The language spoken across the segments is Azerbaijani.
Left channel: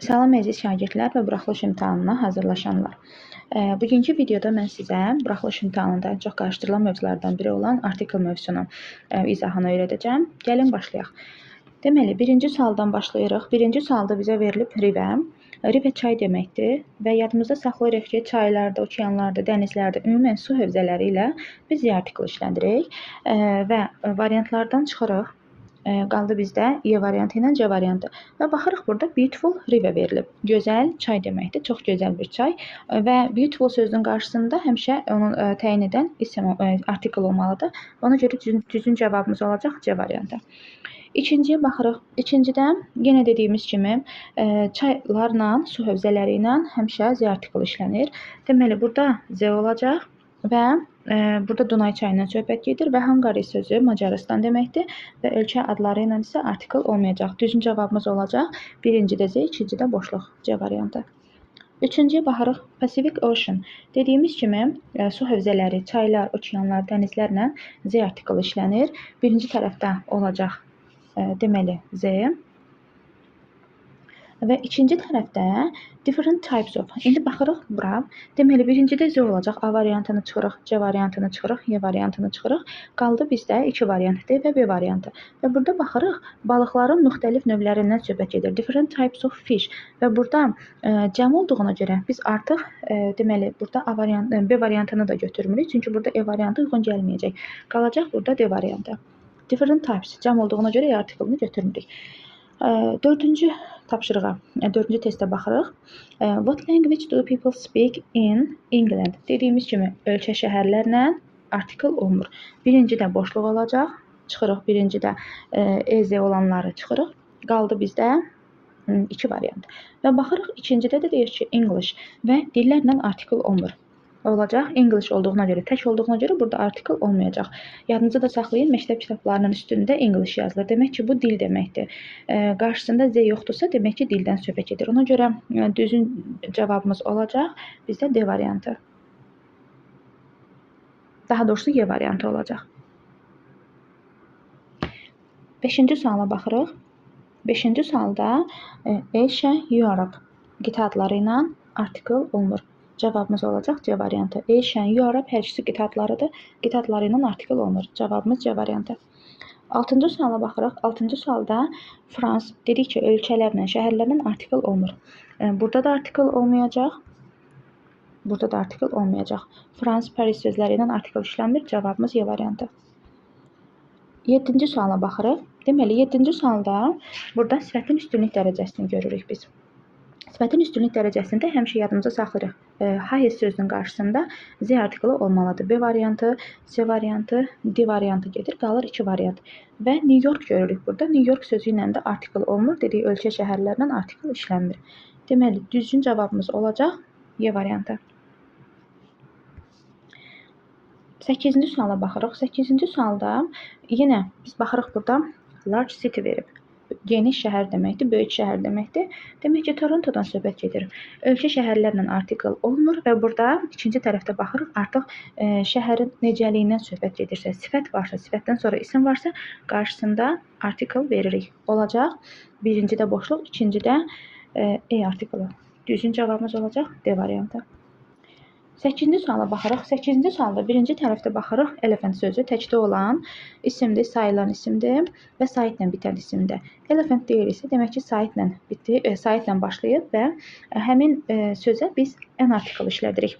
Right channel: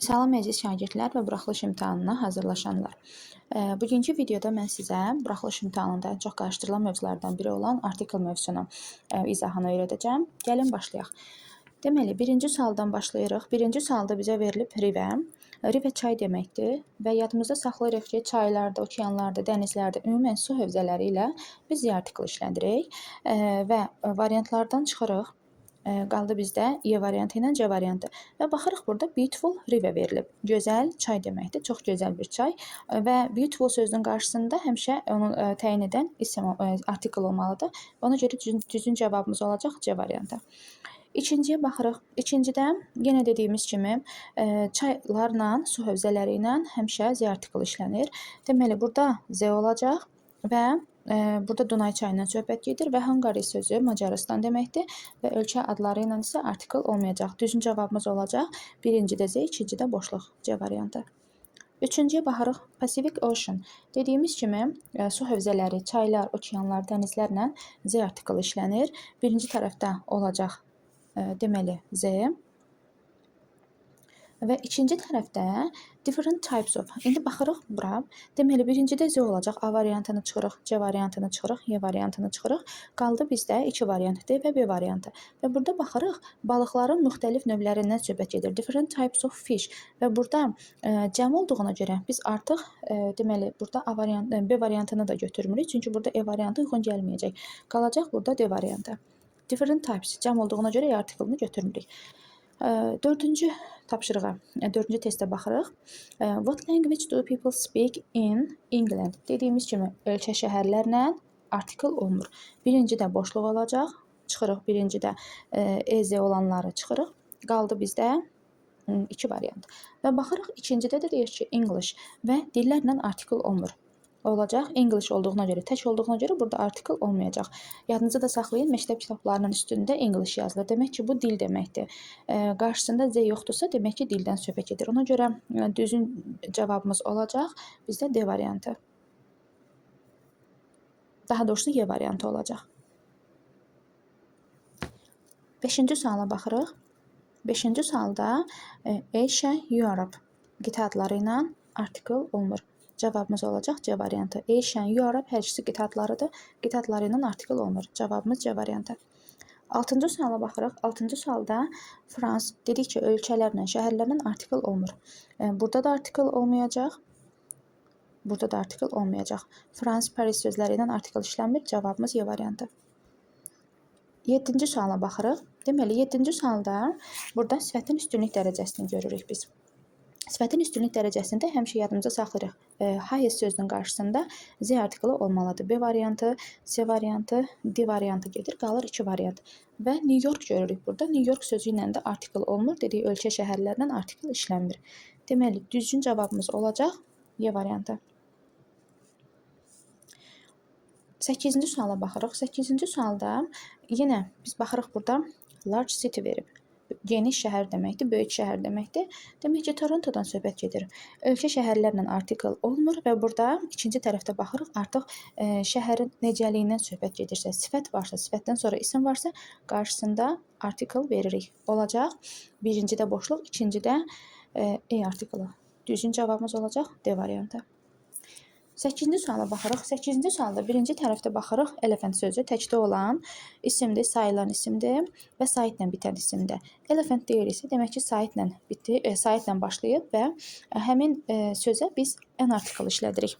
Salam əziz şagirdlər və buraxılış imtahanına hazırlaşanlar. Bugünkü videoda mən sizə buraxılış imtahanında ən çox qarşıdırılan mövzulardan biri olan artikel mövzusunun izahını öyrədəcəm. Gəlin başlayaq. Deməli, birinci sualdan başlayırıq. Birinci sualda bizə verilib river. River çay deməkdir və yadımızda saxlayırıq ki, çaylarda, okeanlarda, dənizlərdə, ümumən su hövzələri ilə biz artikel işlədirik və variantlardan çıxırıq. Qaldı bizdə E variantı ilə C variantı. Və baxırıq burada beautiful river verilib. Gözəl çay deməkdir, çox gözəl bir çay və beautiful sözünün qarşısında həmişə onu təyin edən isim artikel olmalıdır. Ona görə düzgün cavabımız olacaq C variantı. İkinciyə baxırıq. İkincidə yenə dediyimiz kimi çaylarla, su hövzələri ilə həmişə Z artikel işlənir. Deməli, burada Z olacaq və burada Dunay çayından söhbət gedir və Hungary sözü Macarıstan deməkdir və ölkə adları ilə isə artikel olmayacaq. Düzgün cavabımız olacaq. Birincidə Z, ikincidə boşluq C variantı. Üçüncüyə baxırıq. Pacific Ocean. Dediyimiz kimi su hövzələri, çaylar, okeanlar, dənizlərlə Z artikel işlənir. Birinci tərəfdə olacaq deməli Z. Və ikinci tərəfdə different types of. İndi baxırıq bura. Deməli, birincidə Z olacaq. A variantını çıxırıq, C variantını çıxırıq, Y variantını çıxırıq. Qaldı bizdə iki variant D və B variantı. Və burada baxırıq, balıqların müxtəlif növlərindən söhbət gedir. Different types of fish. Və burada cəm olduğuna görə biz artıq deməli, burada A variantı, B variantını da götürmürük. Çünki burada E variantı uyğun gəlməyəcək. Qalacaq burada D variantı. Different types. Cəm olduğuna görə E artikelini götürmürük. Dördüncü tapşırığa, dördüncü testə baxırıq. What language do people speak in England? Dediyimiz kimi ölkə şəhərlərlə artikel olmur. Birincidə boşluq olacaq. Çıxırıq birincidə EZ olanları çıxırıq. Qaldı bizdə iki variant. Və baxırıq ikincidə də deyir ki English və dillərlə artikel olmur. Olacaq. English olduğuna görə, tək olduğuna görə burada artikel olmayacaq. Yadınızda da saxlayın, məktəb kitablarının üstündə English yazılır. Demək ki, bu dil deməkdir. Qarşısında Z yoxdursa, demək ki, dildən söhbət gedir. Ona görə düzgün cavabımız olacaq. Bizdə D variantı. Daha doğrusu Y variantı olacaq. Beşinci suala baxırıq. Beşinci sualda Asia, Europe qitə adları ilə artikel olmur. Cavabımız olacaq C variantı. Asia, Europe hər ikisi qitə adlarıdır. Qitə adları ilə artikel olmur. Cavabımız C variantı. Altıncı suala baxırıq. Altıncı sualda Frans dedik ki, ölkələrlə, şəhərlərlə artikel olmur. Burada da artikel olmayacaq. Burada da artikel olmayacaq. Frans, Paris sözləri ilə artikel işlənmir. Cavabımız Y variantı. 7-ci suala baxırıq. Deməli, 7-ci sualda burada sifətin üstünlük dərəcəsini görürük biz. Sifətin üstünlük dərəcəsində həmişə yadımıza saxlayırıq. Highest sözünün qarşısında Z artikeli olmalıdır. B variantı, C variantı, D variantı gedir. Qalır 2 variant. Və New York görürük burada. New York sözü ilə də artikel olmur. Dedik, ölkə şəhərlərlə artikel işlənmir. Deməli, düzgün cavabımız olacaq Y variantı. 8-ci suala baxırıq. 8-ci sualda yenə biz baxırıq burada large city verib. Geniş şəhər deməkdir, böyük şəhər deməkdir. Demək ki, Torontodan söhbət gedir. Ölkə şəhərlərlə artikel olmur və burada ikinci tərəfdə baxırıq. Artıq şəhərin necəliyindən söhbət gedirsə, sifət varsa, sifətdən sonra isim varsa, qarşısında artikel veririk. Olacaq. Birincidə boşluq, ikincidə E artikeli. Düzgün cavabımız olacaq D variantı. 8-ci suala baxırıq. 8-ci sualda birinci tərəfdə baxırıq. Elephant sözü təkdə olan isimdir, sayılan isimdir və saitlə bitən isimdir. Elephant deyirsə, demək ki, saitlə başlayıb və həmin sözə biz N artikel işlədirik.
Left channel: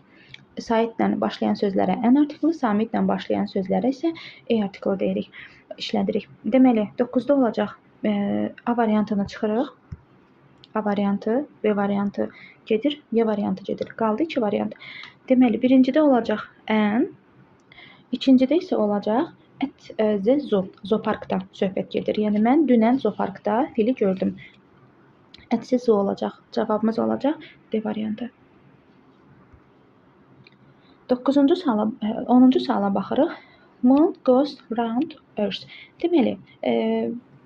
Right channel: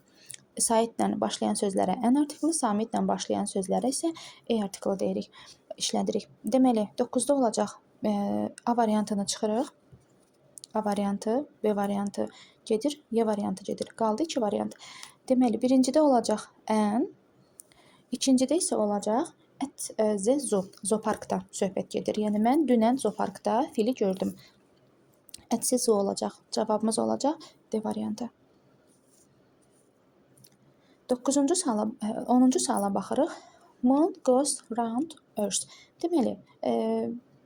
Saitlə başlayan sözlərə N artikeli, samitlə başlayan sözlərə isə E artikeli deyirik, işlədirik. Deməli, 9-da olacaq A variantını çıxırıq. A variantı, B variantı gedir, Y variantı gedir. Qaldı 2 variant. Deməli, birincidə olacaq N, ikincidə isə olacaq zooparkda söhbət gedir. Yəni, mən dünən zooparkda fili gördüm. Zoo olacaq. Cavabımız olacaq D variantı. 10-cu suala baxırıq. Moon goes round Earth. Deməli,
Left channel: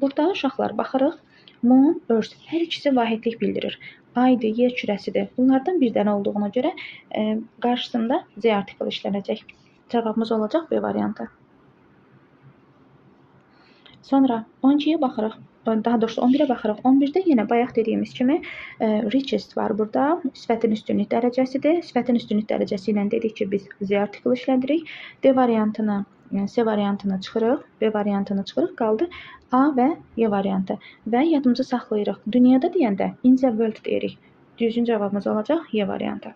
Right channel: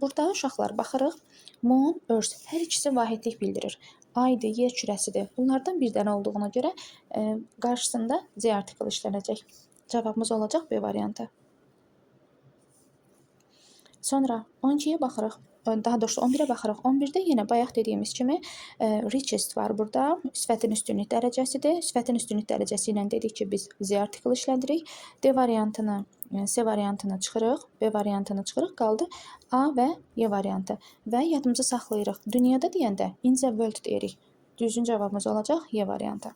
burada uşaqlar baxırıq. Moon, Earth hər ikisi vahidlik bildirir. Aydır, yer kürəsidir. Bunlardan bir dənə olduğuna görə qarşısında Z artikeli işlənəcək. Cavabımız olacaq B variantı. Sonra 12-yə baxırıq. Daha doğrusu 11-ə baxırıq. 11-də yenə bayaq dediyimiz kimi richest var burada. Sifətin üstünlük dərəcəsidir. Sifətin üstünlük dərəcəsi ilə dedik ki, biz Z artiklı işlədirik. D variantını, C variantını çıxırıq, B variantını çıxırıq, qaldı A və Y variantı. Və yadımızı saxlayırıq. Dünyada deyəndə in the world deyirik. Düzgün cavabımız olacaq Y variantı.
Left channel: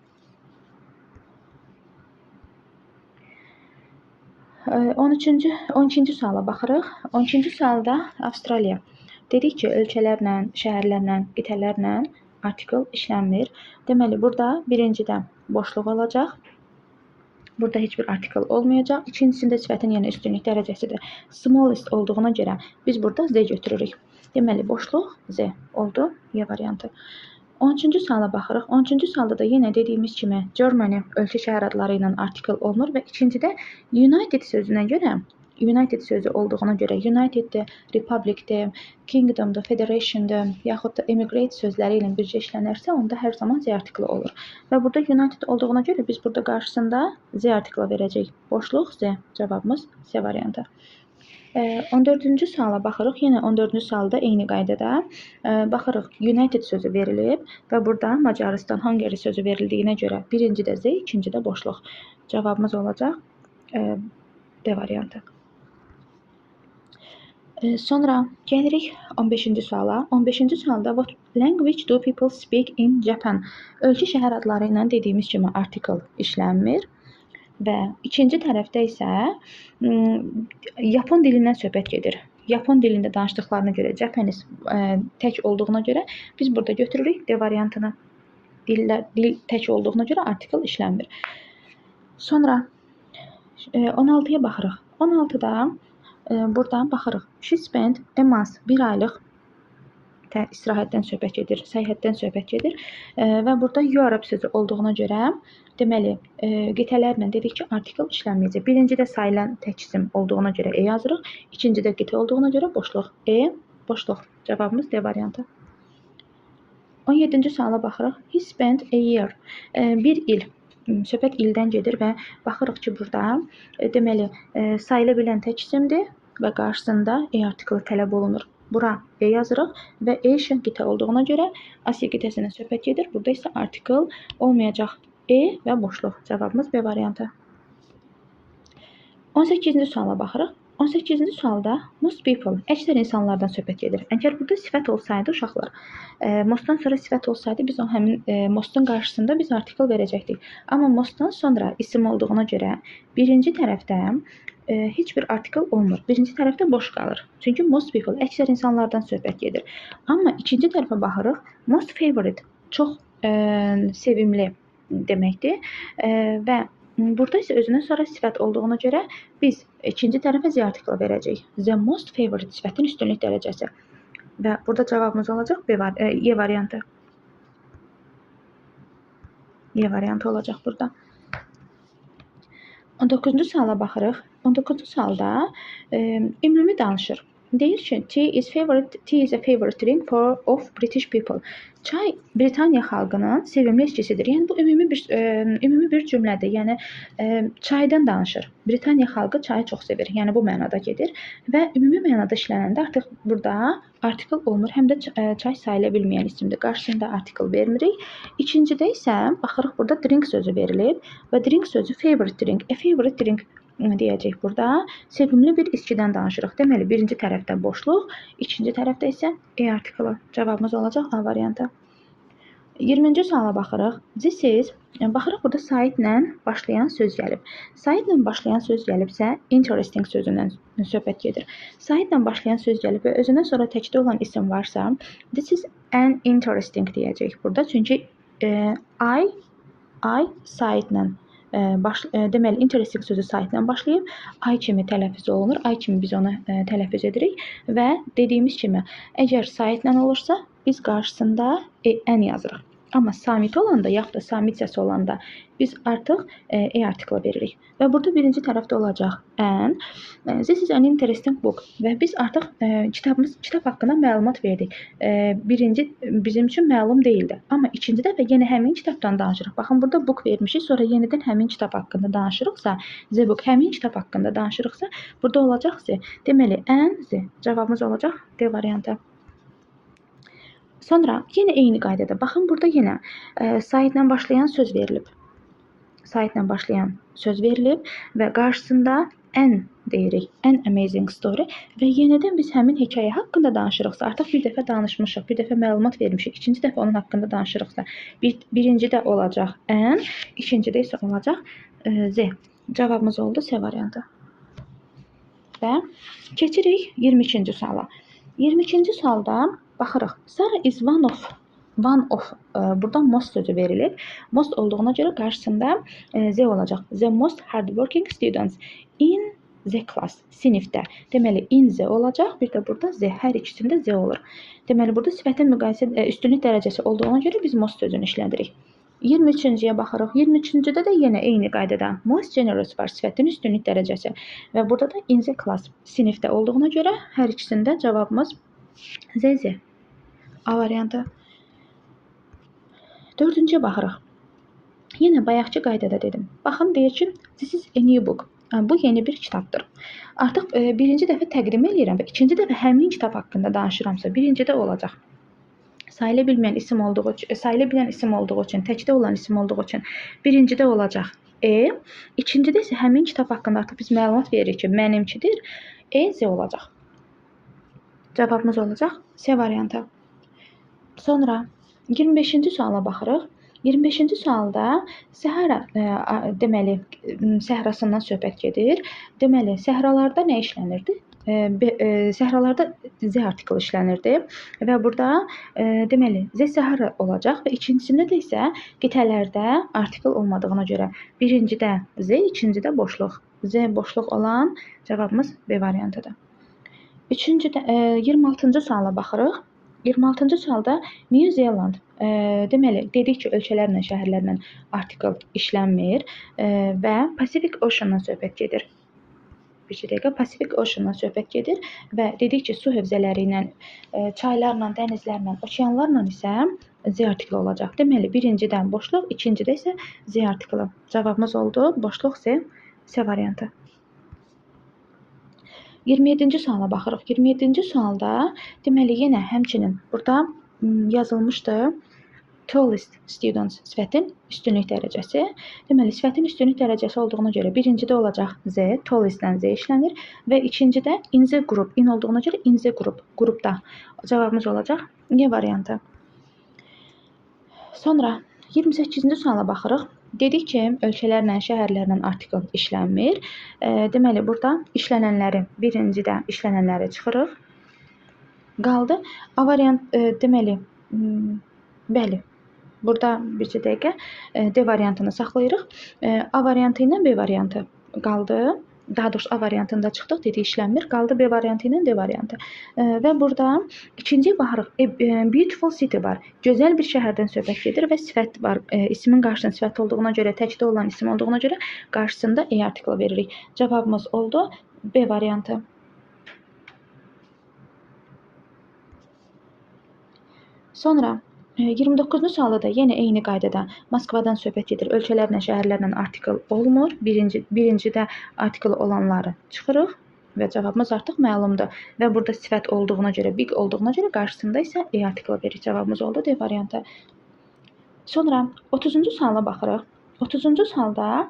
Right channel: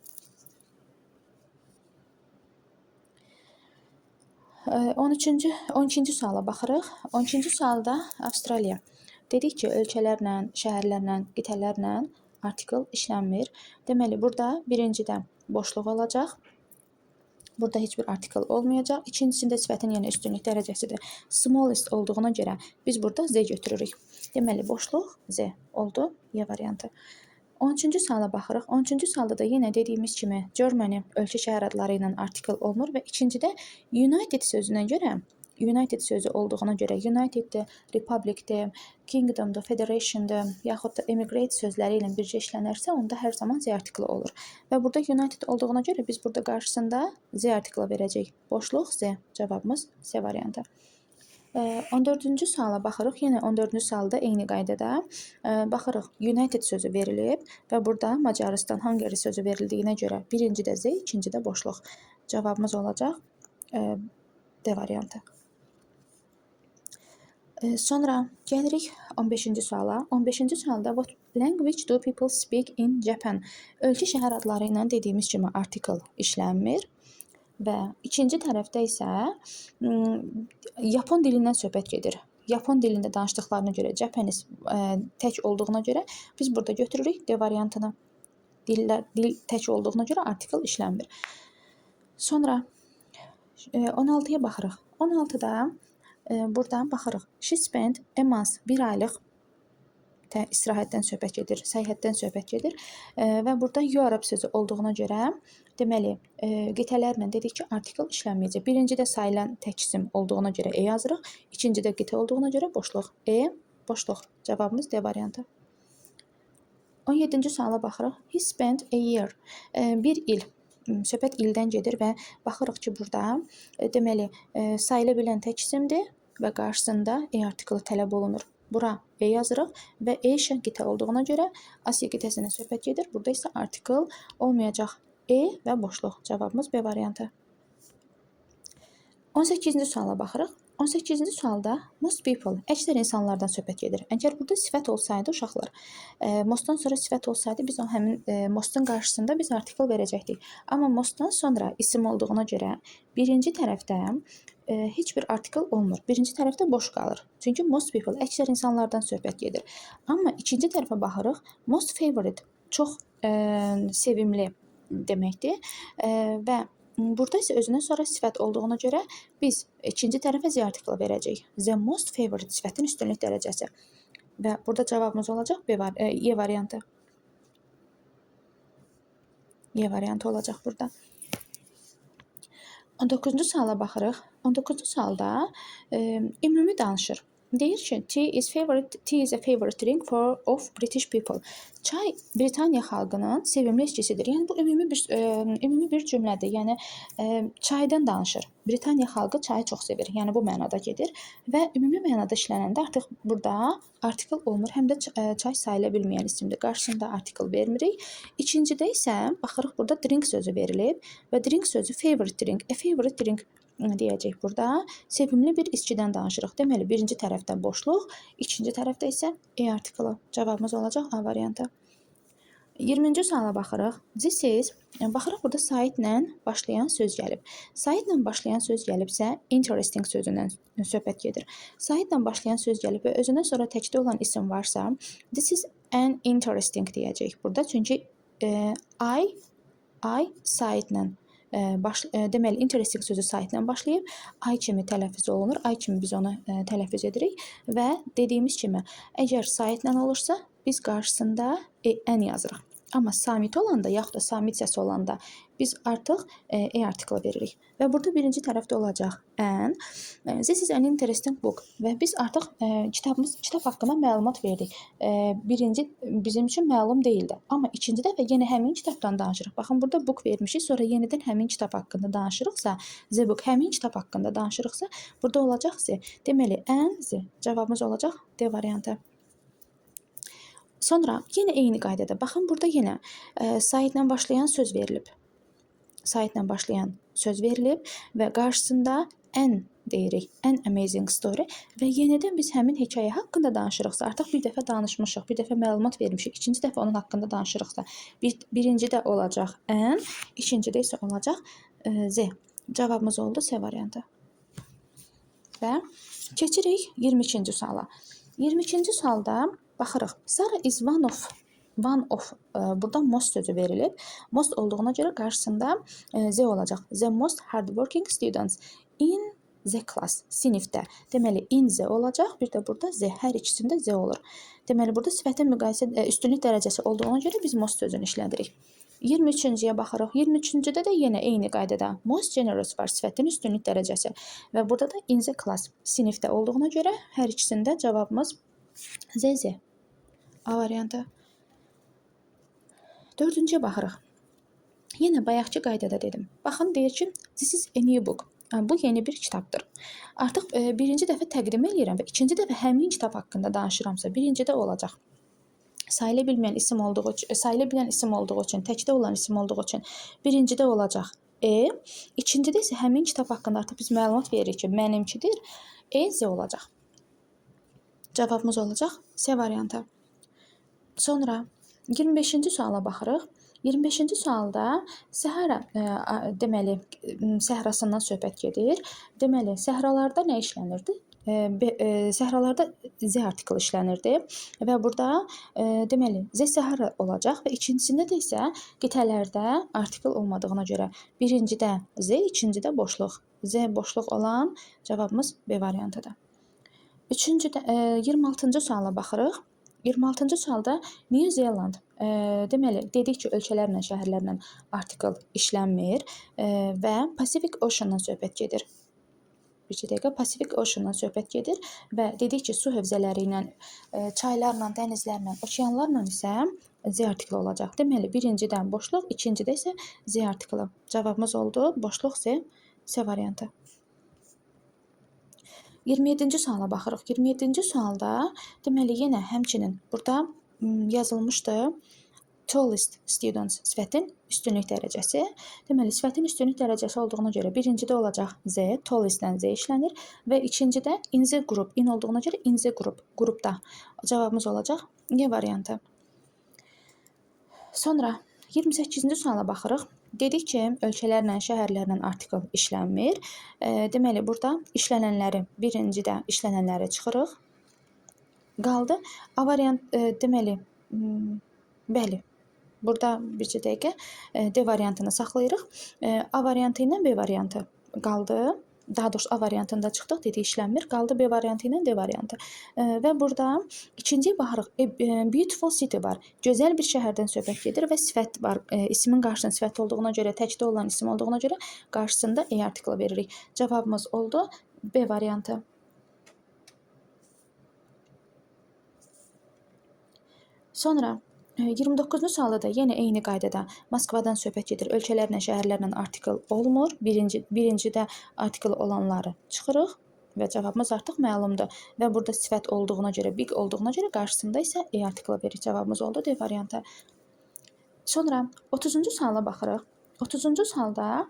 12-ci suala baxırıq. 12-ci sualda Avstraliya. Dedik ki, ölkələrlə, şəhərlərlə, qitələrlə artikl işlənmir. Deməli, burada birincidə boşluq olacaq. Burada heç bir artikl olmayacaq. İkincisində sifətin yenə üstünlük dərəcəsidir. Smallest olduğuna görə biz burada Z götürürük. Deməli, boşluq Z oldu. Y variantı. 13-cü suala baxırıq. 13-cü sualda da yenə dediyimiz kimi Germany ölkə şəhər adları ilə artikl olmur və ikincidə United sözünə görə, United sözü olduğuna görə Uniteddir, Republicdir, Kingdomdur, Federationdur, yaxud da Emigrate sözləri ilə bircə işlənərsə, onda hər zaman Z artiklı olur. Və burada United olduğuna görə biz burada qarşısında Z artiklı verəcəyik. Boşluq Z. Cavabımız C variantı. 14-cü suala baxırıq. Yenə 14-cü sualda eyni qaydada baxırıq. United sözü verilib və burada Macaristan, Hungary sözü verildiyinə görə birincidə Z, ikincidə boşluq. Cavabımız olacaq D variantı. Sonra gəlirik 15-ci suala. 15-ci sualda what language do people speak in Japan? Ölkə şəhər adları ilə dediyimiz kimi artikl işlənmir. Və ikinci tərəfdə isə Yapon dilindən söhbət gedir. Yapon dilində danışdıqlarına görə Japanese tək olduğuna görə biz burada götürürük D variantını. Dil tək olduğuna görə artikl işlənmir. Sonra 16-ya baxırıq. 16-da buradan baxırıq. She spent a month, bir aylıq istirahətdən söhbət gedir, səyahətdən söhbət gedir və burada Europe sözü olduğuna görə deməli qitələrlə dedik ki, artikl işlənməyəcək. Birincidə sayılan tək isim olduğuna görə E yazırıq, ikincidə qitə olduğuna görə boşluq E, boşluq. Cavabımız D variantı. 17-ci suala baxırıq. He spent a year. Bir il. Söhbət ildən gedir və baxırıq ki, burada deməli sayıla bilən tək isimdir və qarşısında E artiklı tələb olunur. Bura E yazırıq və E şən qitə olduğuna görə Asiya qitəsindən söhbət gedir. Burada isə artikl olmayacaq. E və boşluq. Cavabımız B variantı. 18-ci suala baxırıq. 18-ci sualda most people, əksər insanlardan söhbət gedir. Əgər burada sifət olsaydı uşaqlar, mostdan sonra sifət olsaydı biz o həmin mostun qarşısında biz artikl verəcəkdik. Amma mostdan sonra isim olduğuna görə birinci tərəfdə heç bir artikl olmur. Birinci tərəfdə boş qalır. Çünki most people, əksər insanlardan söhbət gedir. Amma ikinci tərəfə baxırıq. Most favorite, çox sevimli deməkdir və burada isə özündən sonra sifət olduğuna görə biz ikinci tərəfə Z artiklı verəcəyik. The most favorite sifətin üstünlük dərəcəsi. Və burada cavabımız olacaq Y variantı. Y variantı olacaq burada. 19-cu suala baxırıq. 19-cu sualda ümumi danışır. Deyir ki, tea is a favorite drink of British people. Çay Britaniya xalqının sevimli içkisidir. Yəni bu ümumi bir cümlədir. Yəni çaydan danışır. Britaniya xalqı çayı çox sevir. Yəni bu mənada gedir və ümumi mənada işlənəndə artıq burada artikl olmur. Həm də çay sayıla bilməyən isimdir. Qarşısında artikl vermirik. İkincidə isə baxırıq burada drink sözü verilib və drink sözü favorite drink, a favorite drink deyəcək burada. Sevimli bir içkidən danışırıq. Deməli, birinci tərəfdə boşluq, ikinci tərəfdə isə E artiklı. Cavabımız olacaq A variantı. 20-ci suala baxırıq. This is, baxırıq burada saitlə başlayan söz gəlib. Saitlə başlayan söz gəlibsə, interesting sözündən söhbət gedir. Saitlə başlayan söz gəlib və özündən sonra təkdə olan isim varsa, this is an interesting deyəcək burada. Çünki I saitlə deməli, interesting sözü saitlə başlayıb, ay kimi tələffüz olunur, ay kimi biz onu tələffüz edirik və dediyimiz kimi, əgər saitlə olursa, biz qarşısında ən yazırıq. Amma samit olanda, yaxud da samit səsi olanda biz artıq e artiklı veririk. Və burada birinci tərəfdə olacaq an. This is an interesting book. Və biz artıq kitab haqqında məlumat verdik. Birinci bizim üçün məlum deyildi. Amma ikinci dəfə yenə həmin kitabdan danışırıq. Baxın, burada book vermişik, sonra yenidən həmin kitab haqqında danışırıqsa, the book həmin kitab haqqında danışırıqsa, burada olacaq the. Deməli, an the. Cavabımız olacaq D variantı. Sonra yenə eyni qaydada. Baxın, burada yenə saytla başlayan söz verilib. Saytla başlayan söz verilib və qarşısında an deyirik. An amazing story və yenidən biz həmin hekayə haqqında danışırıqsa, artıq bir dəfə danışmışıq, bir dəfə məlumat vermişik, ikinci dəfə onun haqqında danışırıqsa, birincidə olacaq an, ikincidə isə olacaq z. Cavabımız oldu C variantı. Və keçirik 22-ci suala. 22-ci sualda baxırıq. Sarah is one of. Burada most sözü verilib. Most olduğuna görə qarşısında z olacaq. The most hardworking students in the class. Sinifdə. Deməli, in z olacaq. Bir də burada z. Hər ikisində z olur. Deməli, burada sifətin müqayisə üstünlük dərəcəsi olduğuna görə biz most sözünü işlədirik. 23-cüyə baxırıq. 23-cüdə də yenə eyni qaydada most generous var, sifətin üstünlük dərəcəsi. Və burada da in the class, sinifdə olduğuna görə hər ikisində cavabımız Z. A variantı. 4-cüyə baxırıq. Yenə bayaqçı qaydada dedim. Baxın, deyir ki, this is a new book. Bu yeni bir kitabdır. Artıq birinci dəfə təqdim edirəm və ikinci dəfə həmin kitab haqqında danışıramsa, birincidə olacaq. Sayıla bilən isim olduğu üçün, təkdə olan isim olduğu üçün birincidə olacaq E, ikincidə isə həmin kitab haqqında artıq biz məlumat veririk ki, mənimkidir. E, Z olacaq. Cavabımız olacaq C variantı. Sonra 25-ci suala baxırıq. 25-ci sualda Səhra, deməli, səhrasından söhbət gedir. Deməli, səhralarda nə işlənirdi? Səhralarda Z artiklı işlənirdi və burada deməli Z səhra olacaq və ikincisində də isə qitələrdə artikl olmadığına görə birincidə Z, ikincidə boşluq. Z boşluq olan cavabımız B variantıdır. 26-cı suala baxırıq. 26-cı sualda New Zealand, deməli, dedik ki, ölkələrlə, şəhərlərlə artikl işlənmir və Pacific Ocean-dan söhbət gedir. Bir dəqiqə, Pacific Ocean-dan söhbət gedir və dedik ki, su hövzələri ilə, çaylarla, dənizlərlə, okeanlarla isə Z artikli olacaq. Deməli, birincidən boşluq, ikincidə isə Z artikli. Cavabımız oldu boşluq Z, C variantı. 27-ci suala baxırıq. 27-ci sualda deməli yenə həmçinin burada yazılmışdı tallest students, sifətin üstünlük dərəcəsi. Deməli, sifətin üstünlük dərəcəsi olduğuna görə birincidə olacaq Z, tallestdən Z işlənir və ikincidə in the group, in olduğuna görə in the group, qrupda. Cavabımız olacaq Y variantı. Sonra 28-ci suala baxırıq. Dedik ki, ölkələrlə, şəhərlərlə artikl işlənmir. Deməli, burada işlənənləri, birincidə işlənənləri çıxırıq. Qaldı A variant, deməli, bəli, burada bir dəqiqə D variantını saxlayırıq. A variantı ilə B variantı qaldı. Daha doğrusu A variantında çıxdıq, dedik işlənmir. Qaldı B variantı ilə D variantı. Və burada ikinciyə baxırıq. Beautiful city var. Gözəl bir şəhərdən söhbət gedir və sifət var. İsmin qarşısında sifət olduğuna görə, təkdə olan isim olduğuna görə qarşısında E artiklı veririk. Cavabımız oldu B variantı. Sonra 29-cu sualda da yenə eyni qaydada Moskvadan söhbət gedir. Ölkələrlə, şəhərlərlə artikl olmur. Birincidə artikl olanları çıxırıq və cavabımız artıq məlumdur. Və burada sifət olduğuna görə, big olduğuna görə qarşısında isə E artiklı veririk. Cavabımız oldu D variantı. Sonra 30-cu suala baxırıq. 30-cu sualda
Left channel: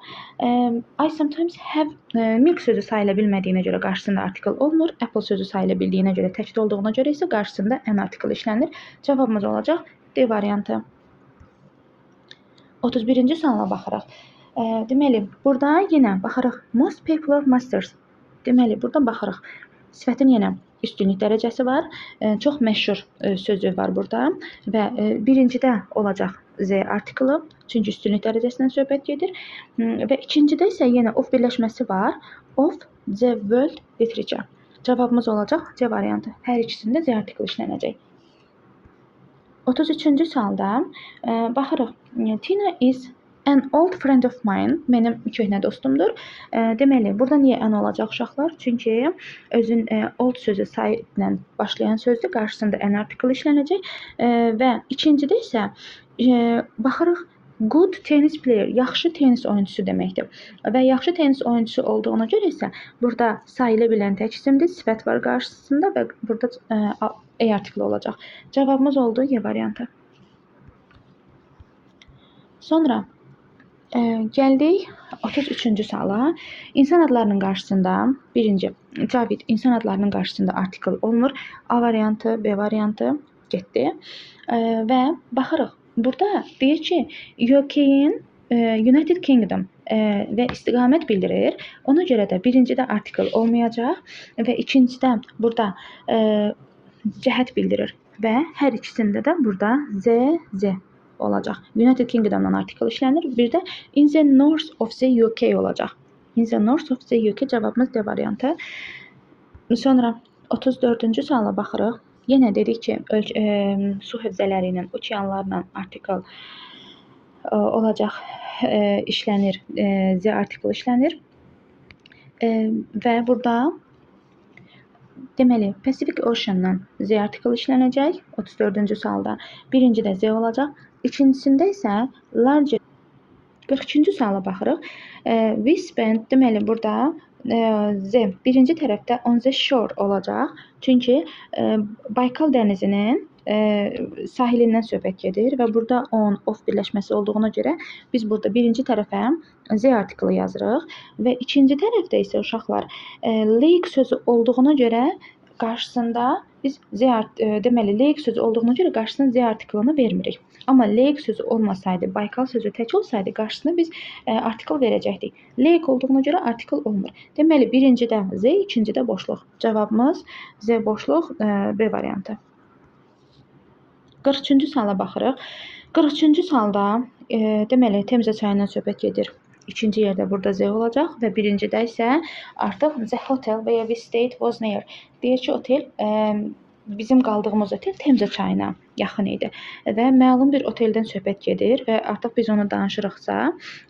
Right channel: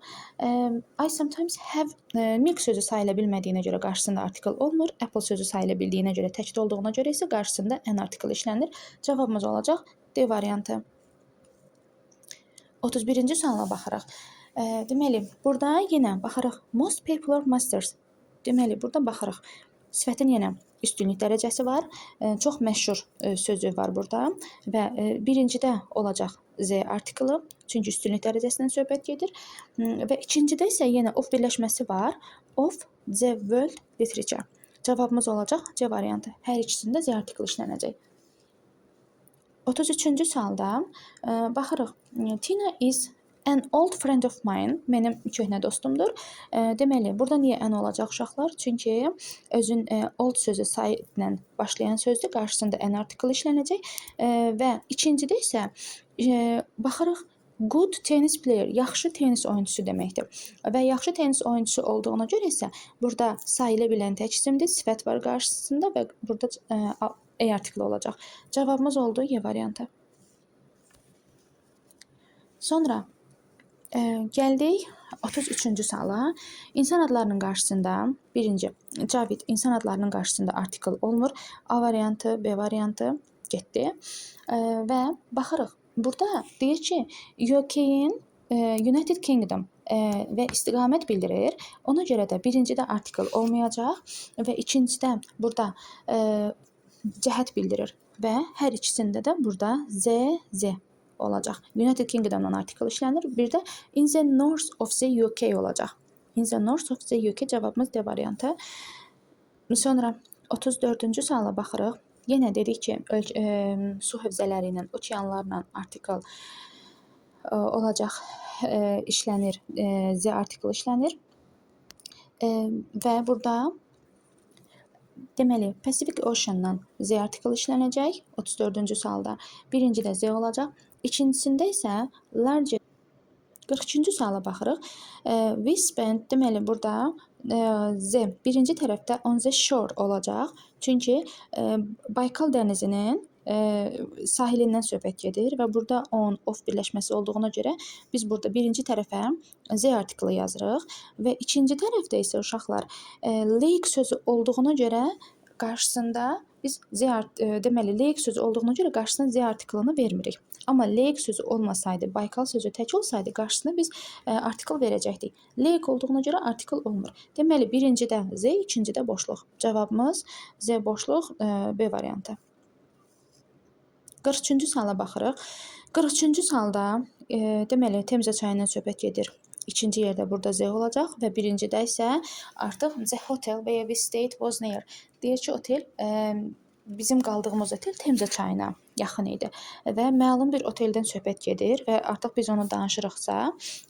I sometimes have milk sözü sayıla bilmədiyinə görə qarşısında artikl olmur. Apple sözü sayıla bildiyinə görə, təkdə olduğuna görə isə qarşısında an artikl işlənir. Cavabımız olacaq D variantı. 31-ci suala baxırıq. Deməli, burada yenə baxırıq. Most popular masters. Deməli, burada baxırıq. Sifətin yenə üstünlük dərəcəsi var. Çox məşhur sözü var burada və birincidə olacaq Z artiklı, çünki üstünlük dərəcəsindən söhbət gedir və ikincidə isə yenə of birləşməsi var. Of the world literature. Cavabımız olacaq C variantı. Hər ikisində Z artiklı işlənəcək. 33-cü sualda baxırıq. Tina is an old friend of mine. Mənim köhnə dostumdur. Deməli, burada niyə an olacaq uşaqlar? Çünki özün old sözü say ilə başlayan sözdür. Qarşısında an article işlənəcək və ikincidə isə baxırıq good tennis player, yaxşı tenis oyunçusu deməkdir. Və yaxşı tenis oyunçusu olduğuna görə isə burada sayıla bilən tək isimdir, sifət var qarşısında və burada a article olacaq. Cavabımız oldu Y variantı. Sonra gəldik 33-cü suala. İnsan adlarının qarşısında birinci Cavid insan adlarının qarşısında article olmur. A variantı, B variantı getdi. Və baxırıq. Burada deyir ki, UK-in United Kingdom və istiqamət bildirir. Ona görə də birincidə article olmayacaq və ikincidə burada cəhət bildirir və hər ikisində də burada Z olacaq. United Kingdom'dan article işlənir. Bir də in the north of the UK olacaq. In the north of the UK cavabımız D variantı. Sonra 34-cü suala baxırıq. Yenə dedik ki, su hövzələri ilə, okeanlarla article olacaq, işlənir, Z article işlənir. Və burada deməli, Pacific Ocean-dan Z article işlənəcək 34-cü sualda. Birincidə Z olacaq. İkincisində isə large 43-cü suala baxırıq. We spent, deməli, burada Z birinci tərəfdə on the shore olacaq. Çünki Baykal dənizinin sahilindən söhbət gedir və burada on, off birləşməsi olduğuna görə biz burada birinci tərəfə Z artiklı yazırıq və ikinci tərəfdə isə uşaqlar lake sözü olduğuna görə qarşısında biz deməli lake sözü olduğuna görə qarşısına Z artiklını vermirik. Amma lake sözü olmasaydı, Baykal sözü tək olsaydı qarşısına biz artikl verəcəkdik. Lake olduğuna görə artikl olmur. Deməli birincidə Z, ikincidə boşluq. Cavabımız Z boşluq B variantı. 43-cü suala baxırıq. 43-cü sualda deməli Temza çayından söhbət gedir. İkinci yerdə burada Z olacaq və birincidə isə artıq the hotel və ya we stayed was near. Deyir ki, otel bizim qaldığımız otel Temza çayına yaxın idi və məlum bir oteldən söhbət gedir və artıq biz onu danışırıqsa,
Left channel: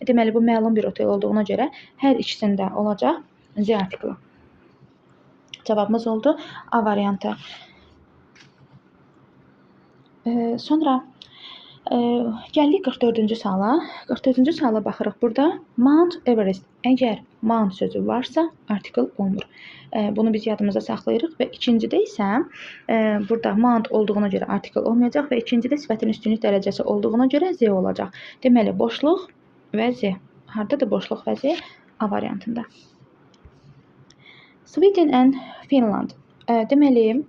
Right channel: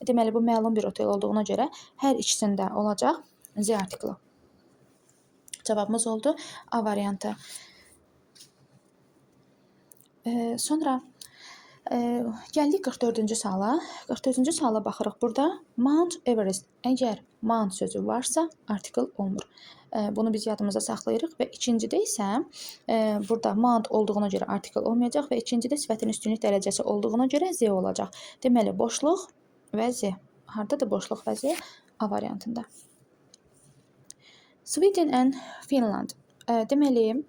deməli bu məlum bir otel olduğuna görə hər ikisində olacaq Z artiklı. Cavabımız oldu A variantı. Sonra gəldik 44-cü suala. 44-cü suala baxırıq. Burada Mount Everest. Əgər Mount sözü varsa, article olmur. Bunu biz yadımıza saxlayırıq və ikincidə isə burada Mount olduğuna görə article olmayacaq və ikincidə sifətin üstünlük dərəcəsi olduğuna görə Z olacaq. Deməli, boşluq və Z. Hardadır boşluq və Z? A variantında. Sweden and Finland. Deməli,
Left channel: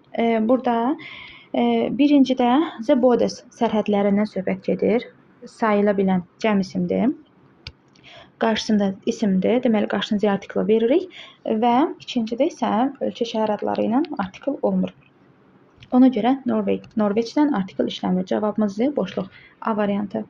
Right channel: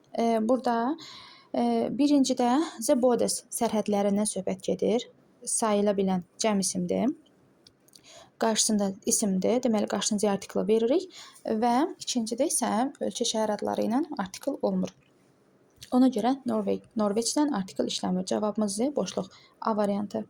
burada birincidə the borders sərhədlərindən söhbət gedir. Sayıla bilən cəm isimdir. Qarşısında isimdir. Deməli, qarşısında Z artiklı veririk və ikincidə isə ölkə şəhər adları ilə artikl olmur. Ona görə Norveçdən artikl işləmir. Cavabımız Z boşluq. A variantı.